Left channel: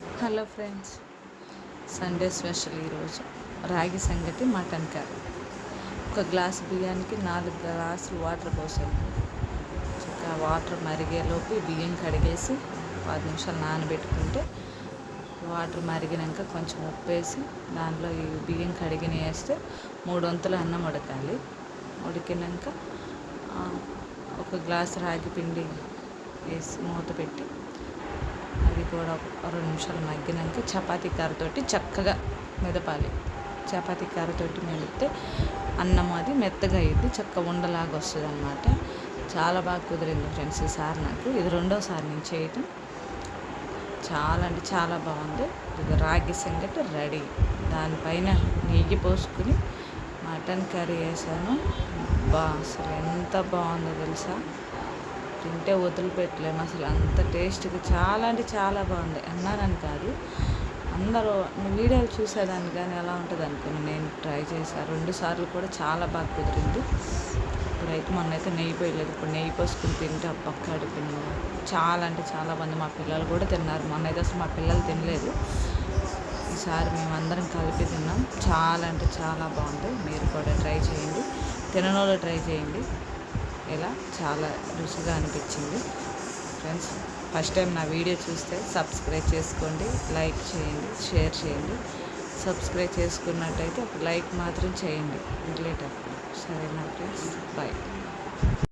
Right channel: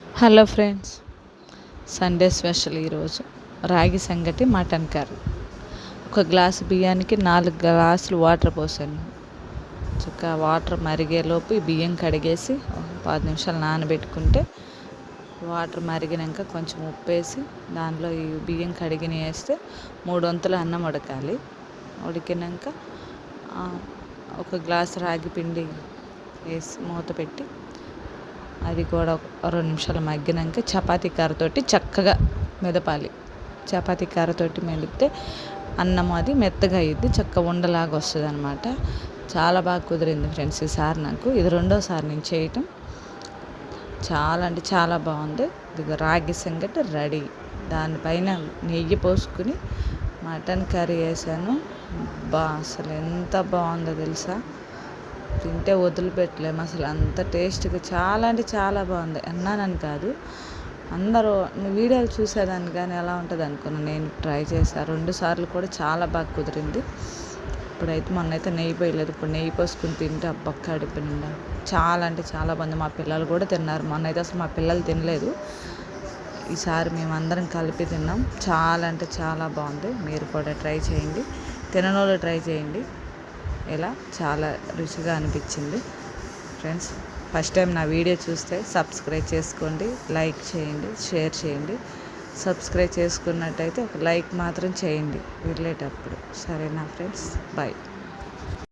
Hello friends, Sunday special ఈరోజు రాగి సంగటి మటన్ కర్రీ. ఒక గ్లాసు బియ్యానికి 4 గ్లాసులు వాటర్ పోసాను. చక్కగా వాటర్ మరిగేలోపు ఈ బియ్యం కడిగేసి 10 నిమిషాలు నానబెట్టుకుంటే వాటర్ మరిగినాక కొంచెం ఉప్పు వేసి దాంట్లో ఈ బియ్యం కడిగిన వేస్తే 3 వంతులు అన్నం ఉడకాలి. ఉడికినాక ఒక గ్లాసు రాగి పిండి వేసి మూత పెట్టి అది కూడా 2 నిమిషాలు మగ్గినాక చపాతీ కర్రతోటి చక్కగా మెదపాలి. చపాతీ కర్రతోటి మెదిపితే అన్నం అది మెత్తగా అయ్యిద్ది, చక్కగా ఉండలాగా వస్తుంది అన్నమాట. చాలా బాగా కుదిరింది ఫ్రెండ్స్ ఈసారి నాకు. ఇది రెండోసారి నేను చేయటం. చాలా అంటే చాలా బాగుంది. ఇది రాగి సంగటి రెడీ. దానిపైన నెయ్యి పోసుకుని మటన్ కర్రీ వేసాను. అసలు ఎంత బాగుందో తెలుసా, తింటే వదిలిపెట్టలేము అసలు. అంత టేస్ట్గా చాలా అంటే చాలా బాగుంది. అన్నానని కాదు, అందరూ వీడియోలు చూసేదాన్ని కానీ ఎలా ఉంటుంది అనుకున్నాను. నేను ట్రై చేశాను 2 సార్లు కూడా చాలా బాగా కుదిరింది. ఇప్పుడైతే మొన్నైతే నెయ్యి పోయలేదు, ఇప్పుడు నెయ్యి పోసుకుని తింటే కడుపు నిండా చాలా అంటే చాలా బాగుంది. మా పిల్లలు కూడా తిన్నారు. మొన్నైతే అసలు మా పిల్లలు తినలేదు. ఈసారి మేమందరం కలిపి తిన్నాం. చాలా అంటే చాలా బాగుంది. మీరు కూడా ట్రై చేయండి, తినని వాళ్ళు ట్రై చేయండి. ఇలా చాలా రుచిగా అనిపించింది ఫ్రెండ్స్. ఫస్ట్ టైం నా వీడియో చూస్తే సబ్స్క్రైబ్ చేసుకోండి, లైక్ చేయండి, షేర్ చేయండి. సబ్స్క్రైబ్ చేసుకున్నట్టయితే ఒక లైక్ మాత్రం చేయండి వెళ్ళేటప్పుడు. సరేనా ఫ్రెండ్స్, బాయ్.